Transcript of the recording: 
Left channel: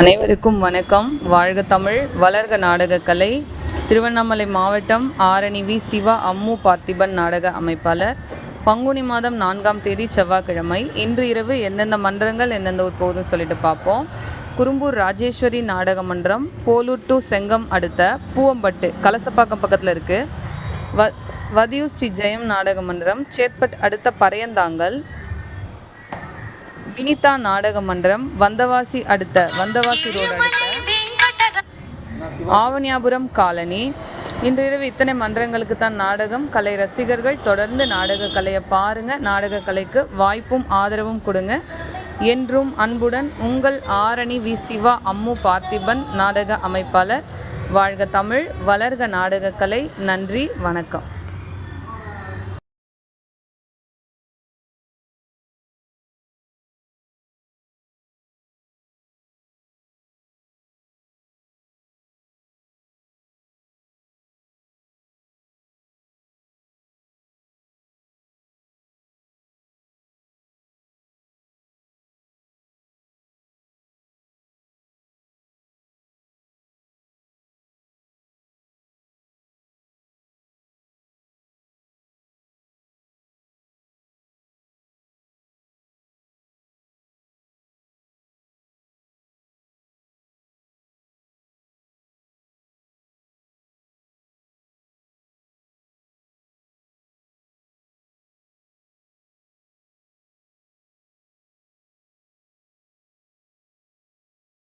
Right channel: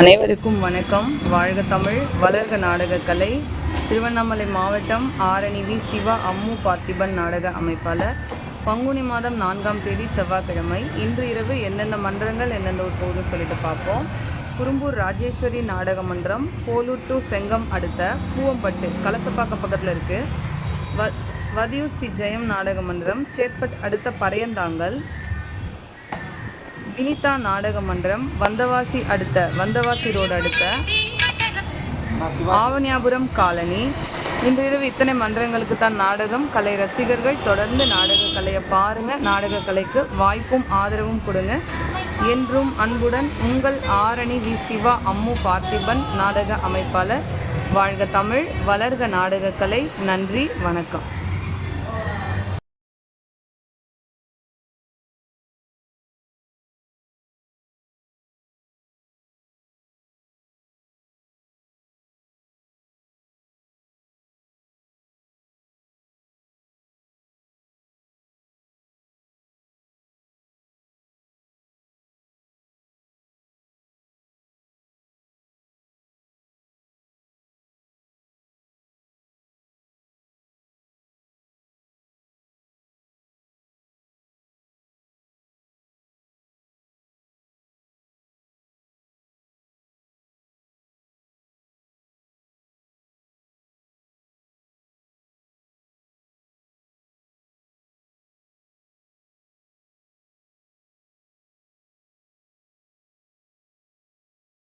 அனைவருக்கும் வணக்கம். வாழ்க தமிழ் வளர்க நாடகக்கலை திருவண்ணாமலை மாவட்டம் ஆரணி வி சிவா அம்மு பார்த்திபன் நாடக அமைப்பாளர். பங்குனி மாதம் நான்காம் தேதி செவ்வாய்க்கிழமை. இன்று இரவு எந்தெந்த மன்றங்கள் எந்தெந்த ஊர் போகுதுன்னு சொல்லிட்டு பார்ப்போம். குறும்பூர் ராஜேஸ்வரி நாடக மன்றம் போலூர் டு செங்கம் அடுத்த பூவம்பட்டு கலசப்பாக்கம் பக்கத்தில் இருக்குது வ வதியூர் ஸ்ரீ ஜெயம் நாடக மன்றம் சேத்பட் அடுத்த பரையந்தாங்கல் வினிதா நாடக மன்றம் வந்தவாசி அடுத்த வந்தவாசி ரோடு அடுத்த ஆவணியாபுரம் காலனி. இன்று இரவு இத்தனை மன்றங்களுக்கு தான் நாடகம் கலை ரசிகர்கள் தொடர்ந்து நாடக கலையை பாருங்க. நாடக கலைக்கு வாய்ப்பும் ஆதரவும் கொடுங்க. என்றும் அன்புடன் உங்கள் ஆரணி வி. சிவா அம்மு பார்த்திபன் நாடக அமைப்பாளர். வாழ்க தமிழ் வளர்க நாடக கலை. நன்றி வணக்கம்.